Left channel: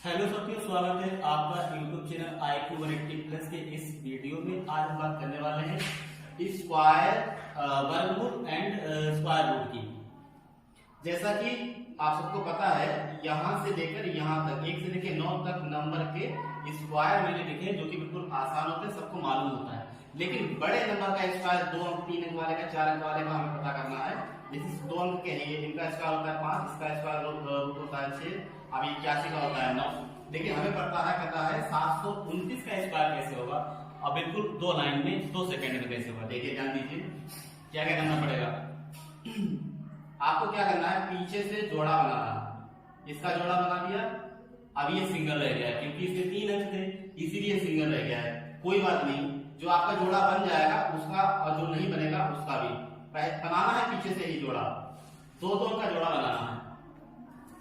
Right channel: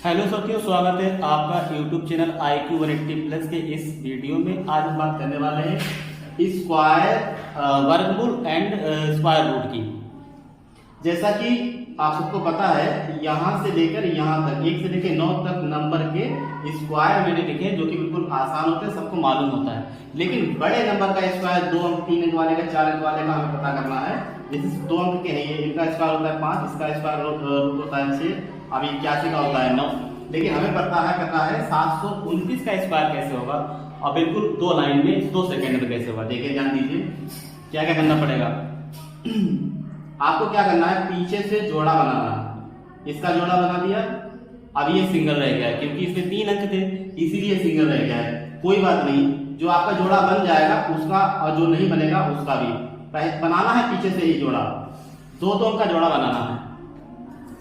Hello साथियों, स्वागत है आपका YouTube चैनल IQ 180 प्लस के इस वीडियो में। आज हम बात करने वाले हैं स्क्वायर, वर्गमूल एंड स्क्वायर रूट की। जैसा कि आप सबको पता है, यहाँ से लेकर यहाँ तक 1 से लेकर 9 तक नंबर के स्क्वायर मैंने लिखे जो कि बिल्कुल आसान होते हैं, सबको मालूम होता है। लेकिन बड़े नंबर का स्क्वायर 2 अंक, 3 अंक वाले का, 4 अंक वाले का हमें पता करना है। जैसे 2 अंक के हैं ये, इनका स्क्वायर होता है 5, इसका स्क्वायर रूट होता है 6, अब 81 का होता है 9। लेकिन हमें पता है करना है 729 का स्क्वायर कैसे होगा, और बिल्कुल 2 लाइन में 2 सेकंड में कैसे होगा। देखिए, ध्यान दीजिए क्या क्या करना पड़ेगा। आपको क्या करना है, पीछे से जोड़ा बनाना है। इसका जोड़ा बना दिया, अब ये सिंगल रह गया है क्योंकि इसमें 3 अंक थे, इसीलिए सिंगल रह गया है। कोई बात नहीं, जो आपका जोड़ा बन जाएगा उसका, और जो नहीं बनेगा उसका भी बनाना है। पीछे से ही जोड़ा, 2 अंक का जोड़ा बनाना है।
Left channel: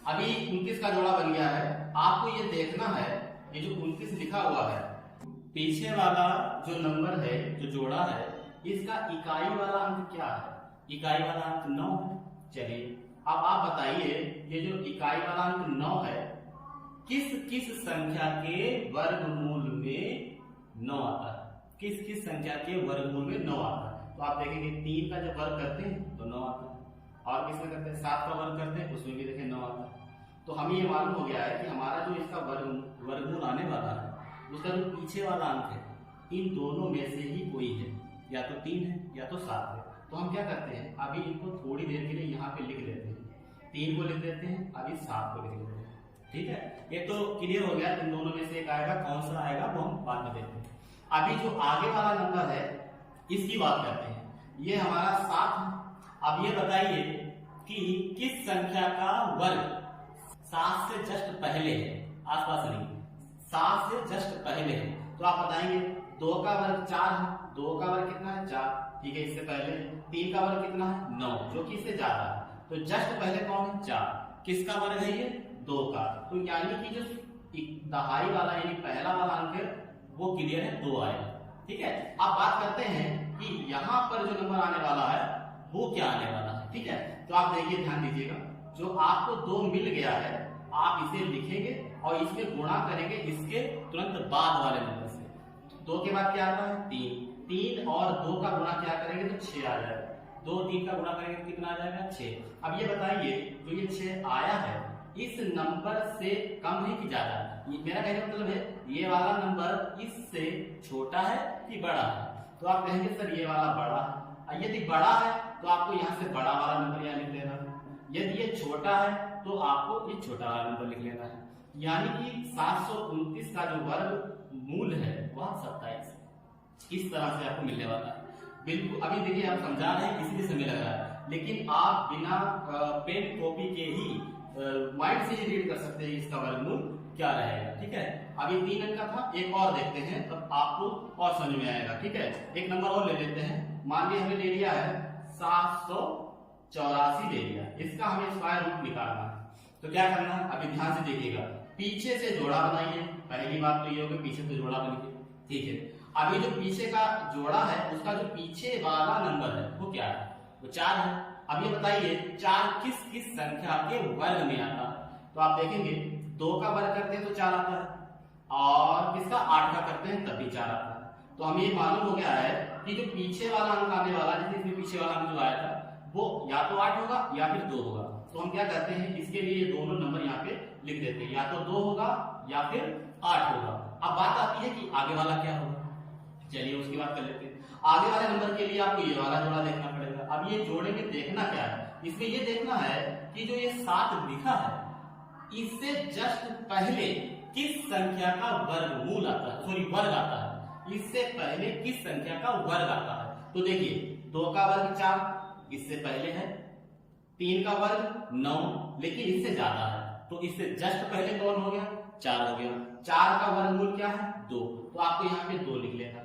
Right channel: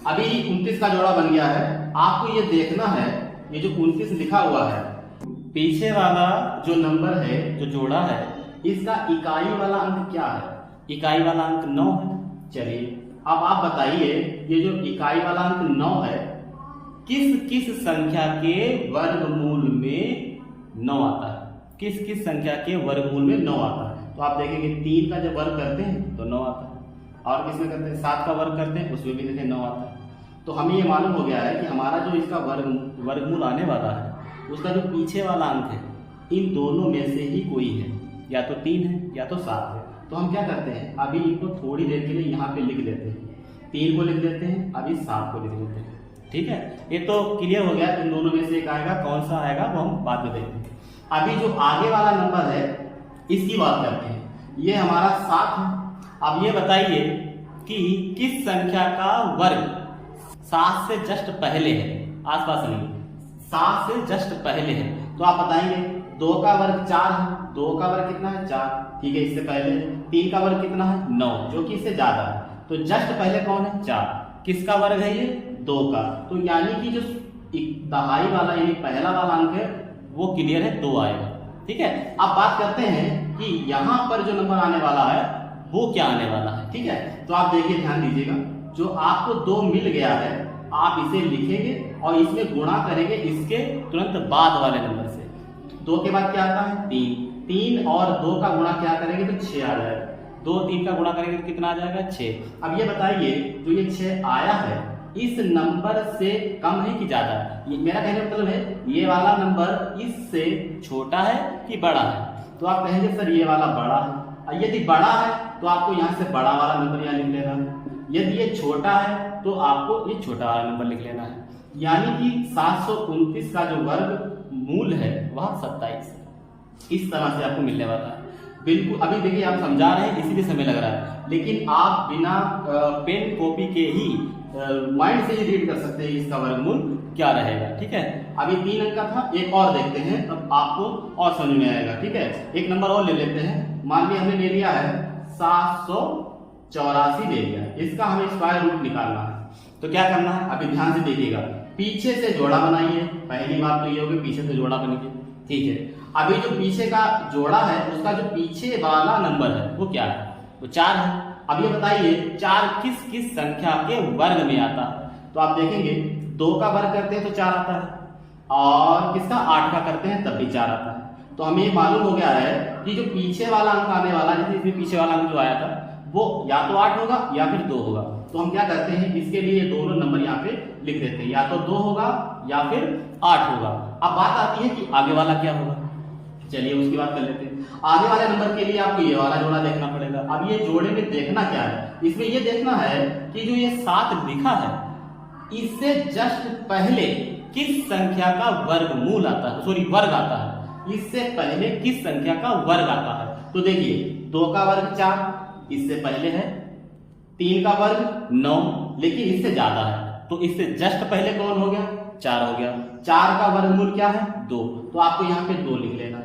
अभी 29 का जोड़ा बन गया है। आपको ये देखना है, ये जो 29 लिखा हुआ है, पीछे वाला जो नंबर है, जो जोड़ा है, इसका इकाई वाला अंक क्या है? इकाई वाला अंक 9 है। चलिए अब आप बताइए, ये जो इकाई वाला अंक 9 है, किस किस संख्या के वर्गमूल में 9 आता है? किस किस संख्या के वर्गमूल में 9 आता है? तो आप देखेंगे 3 का जब वर्ग करते हैं तो 9 आता है, और किसमें करते हैं, 7 का वर्ग करते हैं, उसमें भी देखें 9 आता है। तो हमें ये मालूम हो गया है कि हमारा जो इसका वर्गमूल आने वाला है, उसका जो पीछे वाला अंक है, इन दोनों में से ही कोई है, या तो 3 है या तो 7 है। तो हम क्या करते हैं, अभी इनको थोड़ी देर के लिए यहाँ पे लिख लेते हैं। 3 को लिख देते हैं, अभी 7 को लिख लेते हैं। ठीक है, ये तो क्लियर हो गया। इन दोनों में से एक आएगा, कौन सा आएगा वो हम बाद में देखते हैं। अभी जो आगे वाला नंबर है, इसकी बात करते हैं। ये हमारा 7 है। अब ये बताइए कि किस संख्या का वर्ग 7 से जस्ट पहले है, आसपास नहीं, 7 से जस्ट पहले है। तो आप बताएंगे 2 का वर्ग 4 है। 2 का वर्ग कितना है? 4। ठीक है, इससे पहले 3 का वर्ग कितना है? 9, जो कि इससे ज्यादा है। तो जस्ट पहले कौन है? 4। किसका वर्ग है ये? 2 का। तो यानी कि जो दहाई वाला यानी पहला वाला अंक है वो क्लियर है, 2 आएगा। ठीक है, अब बात करते हैं कि यहाँ पर जो नंबर आने वाला है वो क्या आने वाला है। ठीक है, तो आप देखिए, ध्यान दीजिएगा, जो आपको 2 मिल गया है, आप इसे लिखेंगे और इसमें गुणा करेंगे इसके तुरंत बाद वाले नंबर से। 2 के बाद क्या आता है? 3 और 2 का गुणा क्या करेंगे तो 6 आ जाएगा। 2 3 का गुणा करेंगे तो कितना आ जाएगा? 6। अब ये बताइए, जो ये 6 आया है, इस नंबर से कम है कि ज्यादा है? मेरा कहने का मतलब है, ये वाला नंबर इससे छोटा है कि बड़ा है? तो आप कहेंगे सर ये वाला बड़ा है। यदि बड़ा है तो आपको यहाँ से बड़ा वाला नंबर यहाँ लिख लेना है। यदि ये छोटा है तो आपको ये छोटा वाला नंबर लिख लेना है। यानी कि 729 का जो वर्ग मूल है वह 27 है। इस तरह से आपको मिलने वाला है। बिल्कुल, अभी देखिए आप समझा रहे हैं इसीलिए समय लग रहा है, लेकिन आप बिना पेन कॉपी के ही माइंड से ही रीड कर सकते हैं इसका वर्गमूल क्या रहेगा। ठीक है, अभी 3 अंक का था, एक और देखते हैं तब आपको और समझ में आएगा। ठीक है, एक नंबर और ले लेते हैं। मान लिया हमने ले लिया है 784 ले लिया, इसका हमें स्क्वायर रूट निकालना है। तो क्या करना है, अभी ध्यान से देखिएगा, पीछे से जोड़ा बनाइए। पहली बात तो ये होगी, पीछे से जोड़ा बनेगी। ठीक है, अभी जो पीछे का जोड़ा है, उसका जो पीछे वाला नंबर है वो क्या है? वो 4 है। अब ये बताइए 4 किस किस संख्या के वर्ग में आता है? तो आप देखेंगे 2 का वर्ग करते हैं तो 4 आता है, और किसका 8 का करते हैं तब भी 4 आता है। तो हमें ये मालूम हो गया है कि जो पीछे वाला अंक आने वाला, जैसे इसमें पीछे वाला अंक जो आया था वो या तो 8 होगा या फिर 2 होगा। तो हम क्या करते हैं, इसके लिए दोनों नंबर यहाँ पे लिख देते हैं, या तो 2 होगा या फिर 8 होगा। अब बात आती है कि आगे वाला क्या होगा। चलिए उसकी बात कर लेते हैं। आगे वाले नंबर के लिए आपको ये वाला जोड़ा देखना पड़ेगा। अब ये जोड़े में देखना क्या है, इसमें ये देखना है कि जो ये 7 लिखा है, इससे जस्ट पहले किस संख्या का वर्गमूल आता है, सॉरी वर्ग आता है। इससे पहले किस संख्या का वर्ग आता है? तो देखिए 2 का वर्ग 4, इससे पहले है। 3 का वर्ग 9, लेकिन इससे ज्यादा है, तो इससे जस्ट पहले कौन हो गया? 4 हो गया। 4 का वर्गमूल क्या है? 2। तो आपको यहाँ पे 2 लिख लेना।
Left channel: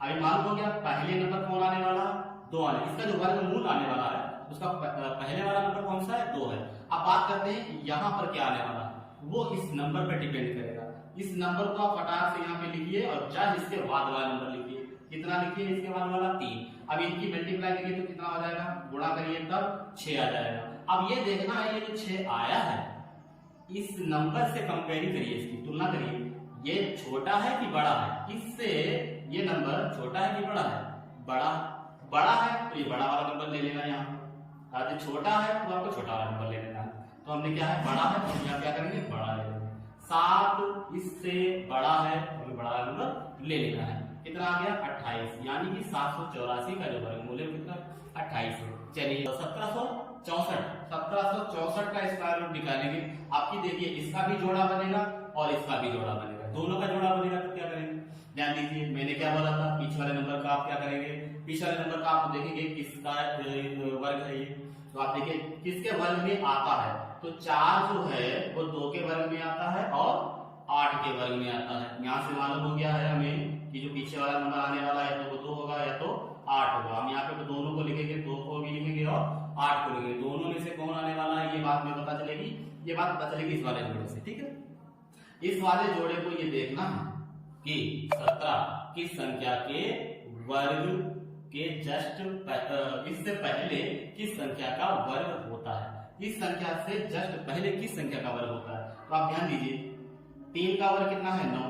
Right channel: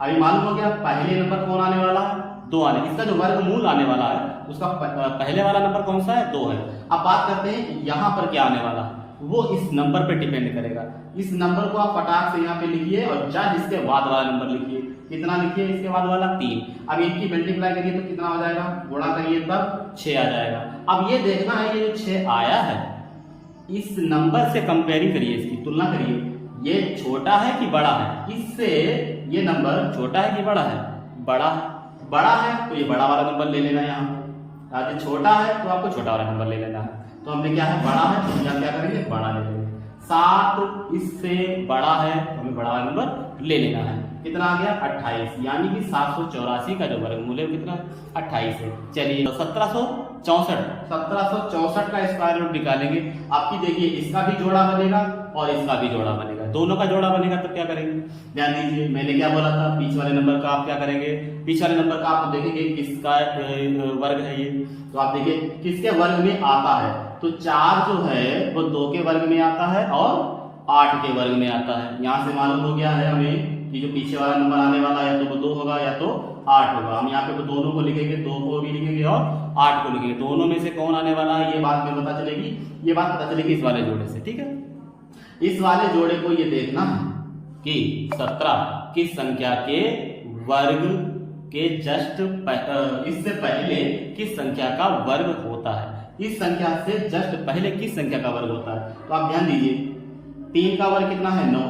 अभी मालूम हो गया पहले नंबर कौन आने वाला है? 2 आने। इसका जो वर्गमूल आने वाला है उसका पहले वाला नंबर कौन सा है? 2 है। अब बात करते हैं यहाँ पर क्या आने वाला है, वो इस नंबर पर डिपेंड करेगा। इस नंबर को आप फटाक से यहाँ पे लिखिए और जस्ट इसके बाद वाला नंबर लिखिए। कितना लिखिए इसके बाद वाला? 3। अब इनकी मल्टीप्लाई करिए तो कितना हो जाएगा? गुणा करिए तब 6 आ जाएगा। अब ये देखना है, ये जो 6 आया है इस नंबर से कंपेयरिंग करिए, इसकी तुलना करिए, ये छोटा है कि बड़ा है, इससे ये नंबर छोटा है कि बड़ा है, बड़ा है तो ये बड़ा वाला नंबर ले लेना यहाँ, अगर छोटा है तो आपको छोटा वाला नंबर ले लेना है। तो हमने क्या है, बड़ा है तो यहाँ क्या करेंगे, बड़ा ले लेंगे। 7 इससे बड़ा है तो हमें बड़ा वाला नंबर ले लेना है। कितना आ गया, 28, यानी कि 784 का जो वर्गमूल है कितना, 28 है। चलिए 1764 का स्क्वायर रूट निकालेंगे। आपकी देखिए इसका भी जोड़ा बनेगा और इसका भी जोड़ा बनेगा, दोनों का जोड़ा बनेगा तब क्या करेंगे, ध्यान दीजिए मैंने क्या बोला था, पीछे वाले नंबर का आप क्या करेंगे, पीछे वाले नंबर का आप देखेंगे किसका वर्ग है ये, तो आप देखिए किसके वर्ग में आता है, तो 4 जो है वो 2 के वर्ग में आता है और 8 के वर्ग में आता है। यहाँ से मालूम हो गया है हमें कि जो पीछे वाला नंबर आने वाला है या तो वो 2 होगा या तो 8 होगा। हम यहाँ पे तो दोनों को लिखेंगे, 2 को भी लिखेंगे और 8 को लिखेंगे, दोनों में से कौन आने वाला है ये बात में पता चलेगी, ये बात पता चलेगी इस वाले जोड़े से। ठीक है, इस वाले जोड़े को ये देखना है कि 17 किस संख्या के वर्ग के जस्ट इससे पहले किस संख्या का वर्ग होता है, इस संख्या से जस्ट पहले किस संख्या का वर्ग होता है। तो आप ध्यान दीजिए 3 का वर्ग कितना है, 9,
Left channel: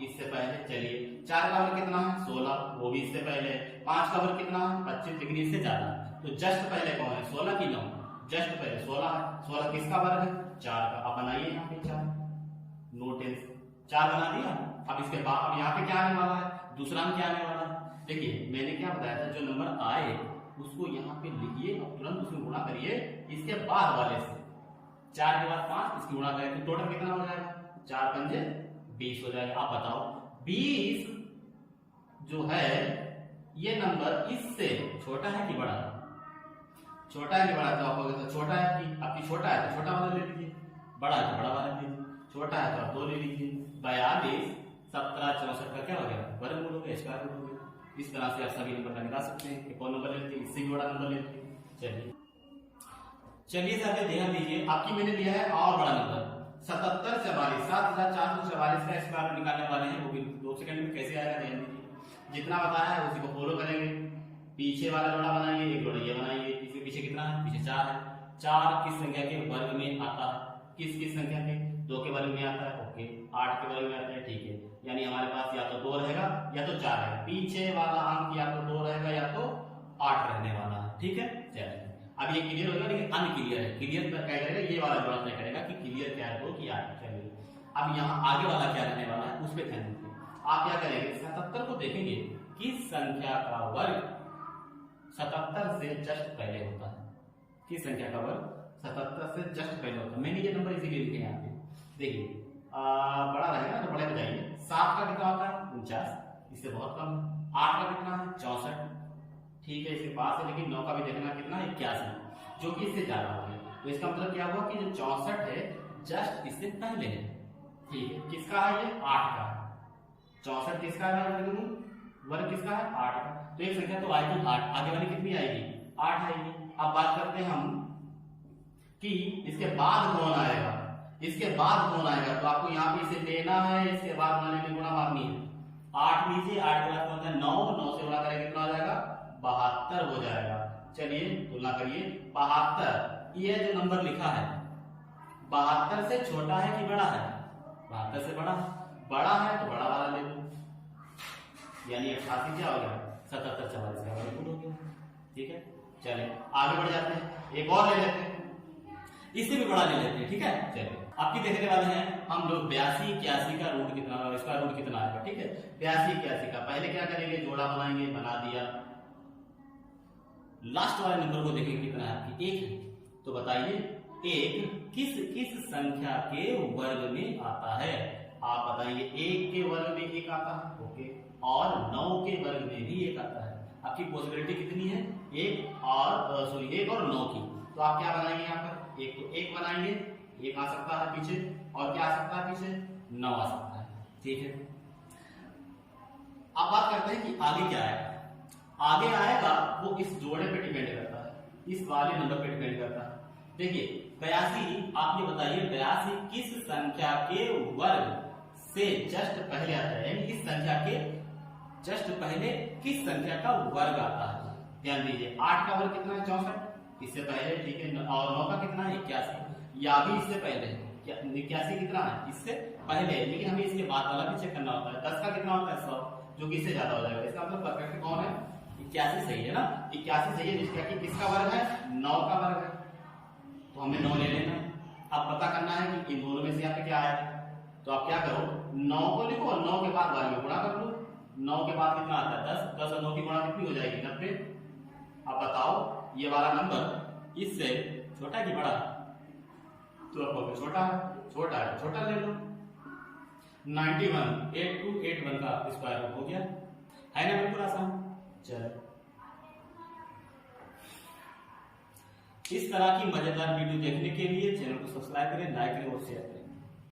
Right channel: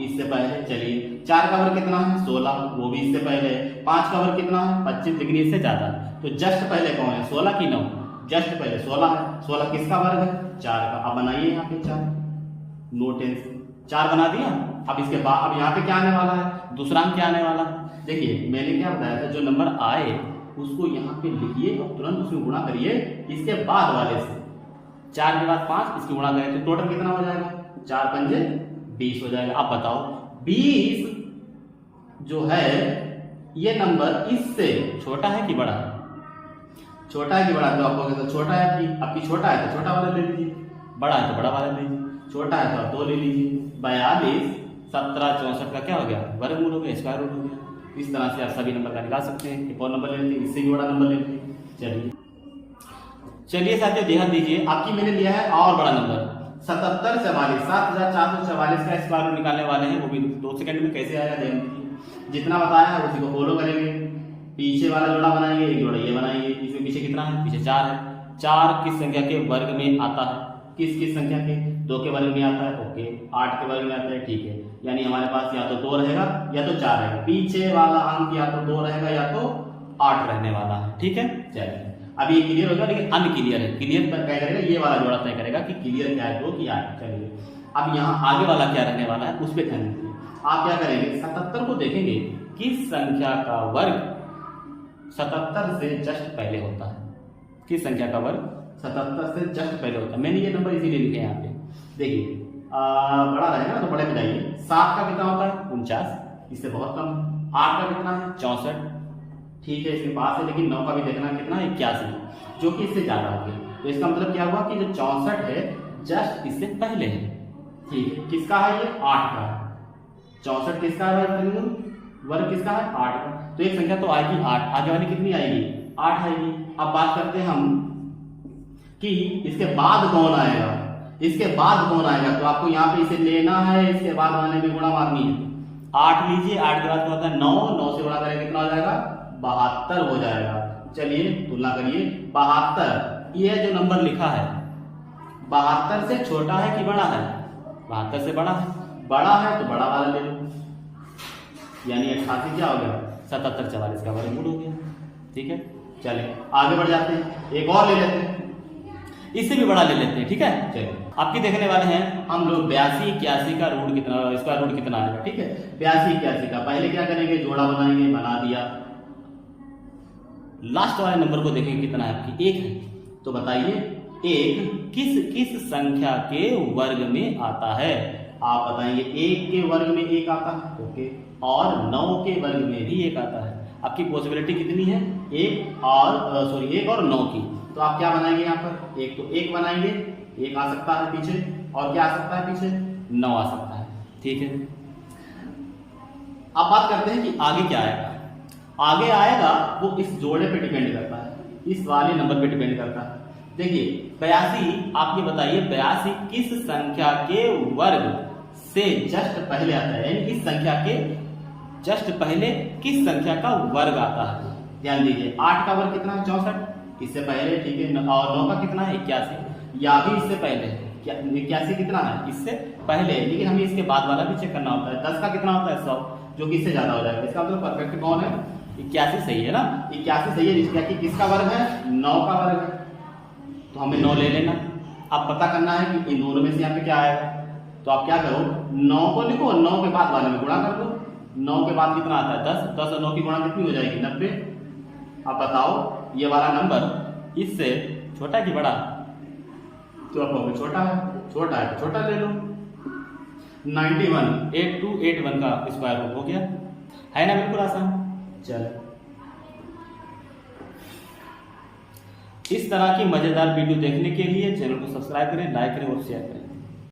इससे पहले। चलिए 4 का वर्ग कितना है, 16, वो भी इससे पहले। 5 का वर्ग कितना है, 25, लेकिन इससे ज्यादा। तो जस्ट पहले कौन है, 16 की 9, जस्ट पहले 16 है। 16 किसका वर्ग है, 4 का। अब बनाइए यहाँ पे 4, नो टेंशन, 4 बना दिया। अब इसके बाद अब यहाँ पे क्या आने वाला है, दूसरा अंक क्या आने वाला है। देखिए मैंने क्या बताया था, जो नंबर आए उसको यहाँ पे लिखिए और तुरंत उसमें गुणा करिए इसके बाद वाले से। 4 के बाद 5, इसकी गुणा करें तो टोटल कितना हो जाएगा, 4 पंजे 20 हो जाएगा। अब बताओ 20 जो है ये नंबर इससे छोटा है कि बड़ा है, छोटा है कि बड़ा है, तो आपको कहते छोटा है कि आपकी छोटा है तो छोटा वाला ले लीजिए, बड़ा है तो बड़ा वाला ले लीजिए, छोटा है तो आप 2 ले लीजिए। 42 17 64 का क्या हो गया, वर्गमूल हो गया, स्क्वायर रूट हो गया। इस तरह से आप सभी नंबर का निकाल सकते हैं। एक और नंबर ले लेते हैं, इससे भी बड़ा नंबर ले लेते हैं। चलिए साथियों ध्यान दीजिए, आपकी मैंने लिया है और बड़ा नंबर 7744, 7444 का स्क्वायर रूट निकालने वाले हैं, वो भी 2 सेकंड में कैसे आएगा ध्यान दीजिए। जितना बताया है उसी को फॉलो करेंगे, पीछे वाला जोड़ा बनाएंगे, एक जोड़ा ये बनाएंगे। इसमें पीछे कितना है, पीछे 4 है। 4 किस संख्या के वर्ग में आता है, किस संख्या के, 2 के वर्ग में आता है, ओके। 8 के वर्ग में आता है, ठीक है। यानी हमारे पास या तो 2 रहेगा या तो 4 रहेगा, पीछे वाला अंक या तो 2 रहेगा या तो 8 रहने वाला है। ठीक है, चलिए अब ये क्लियर होगा, लेकिन अनक्लियर है। क्लियर पर क्या करेगा, ये वाला जोड़ा तय करेगा कि क्लियर क्या है, 2 कि 8। चलिए अब यहाँ आगे वाला क्या रहने वाला है उस पर ध्यान दीजिए। आप क्या करेंगे, 77 को देखेंगे किस संख्या का वर्ग 77 से जस्ट पहले होता है, किस संख्या का वर्ग 77 से जस्ट पहले होता है। मैंने ये नंबर इसीलिए लिखे यहाँ पे, देखिए बड़ा रहेगा ना तो बड़े पे जाइए। 7 का कितना होता है, 49, इससे बहुत कम। 8 का कितना है, 64, ठीक है इसके पास है। लेकिन 9 का भी देखना कितना है, 81, जो कि इससे ज्यादा हो गया। तो इसका मतलब क्या हुआ कि जो 64 है जस्ट इससे पहले है, ठीक है। किसका है ये, 8 का है। 64 किसका है भाई, वर्ग किसका है, 8 का। तो एक संख्या तो आएगी 8, आगे वाली कितनी आएगी, 8 आएगी। अब बात करते हैं हम कि इसके बाद कौन आएगा, इसके बाद कौन आएगा। तो आपको यहाँ पे इसे लेना है, इसके बाद वाले में गुणा मारनी है। 8 लीजिए, 8 के बाद क्या होता है 9, 9 से गुणा करें कितना हो जाएगा, 72 हो जाएगा। चलिए तुलना करिए, 72 ये जो नंबर लिखा है 72 से छोटा है कि बड़ा है, 72 से बड़ा है। बड़ा है तो बड़ा वाला ले लो, यानी 88 क्या हो गया, 7744 का वर्गमूल हो गया। ठीक है, चले आगे बढ़ जाते हैं, एक और ले लेते हैं, इससे भी बड़ा ले लेते हैं। ठीक है, चलिए आपकी देखने वाले हैं हम लोग 82 81 का रूट कितना, स्क्वायर रूट कितना आएगा। ठीक है, 82 81 का पहले क्या करेंगे, जोड़ा बनाएंगे, बना दिया। लास्ट वाले नंबर को देखेंगे कितना है आपकी, 1 है। तो बताइए 1 किस संख्या के वर्ग में आता है। आप बताएंगे 1 के वर्ग में 1 आता है, ओके, और 9 के वर्ग में भी 1 आता है। आपकी पॉसिबिलिटी कितनी है, 1 और 9 की। तो आप क्या बनाएंगे यहाँ पर, 1 तो 1 बनाएंगे, 1 आ सकता है पीछे, और क्या आ सकता है पीछे, 9 आ सकता है। ठीक है, अब बात करते हैं कि आगे क्या आएगा। आगे आएगा वो इस जोड़े पे डिपेंड करता है, इस वाले नंबर पे डिपेंड करता है। देखिए 82, आप ये बताइए 82 किस संख्या के वर्ग से जस्ट पहले आता है, यानी इस संख्या के जस्ट पहले किस संख्या का वर्ग आता है। ध्यान दीजिए 8 का वर्ग कितना है, 64, इससे पहले। ठीक है, और 9 का कितना है, 81, या भी इससे पहले 81 कितना है इससे पहले, लेकिन हमें इसके बाद वाला भी चेक करना होता है। 10 का कितना होता है 100, जो कि इससे ज्यादा हो जाएगा। इसका मतलब परफेक्ट कौन है, 81 सही है ना, 81 सही है। क्या कि किसका वर्ग है, 9 का वर्ग है, तो हमें 9 ले लेना। अब पता करना है कि इन दोनों में से यहाँ पे क्या आएगा, तो आप क्या करो 9 को लिखो, 9 के बाद वाले में गुणा कर दो। 9 के बाद कितना आता है 10, 10 और 9 की गुणा कितनी हो जाएगी 90। अब बताओ ये वाला नंबर इससे छोटा कि बड़ा, तो आप कहोगे छोटा है, छोटा है तो छोटा ले लो। 91 8281 का स्क्वायर रूट हो गया, है ना, बिल्कुल आसान। चलो इस तरह की मजेदार वीडियो देखने के लिए चैनल को सब्सक्राइब करें, लाइक करें और शेयर करें।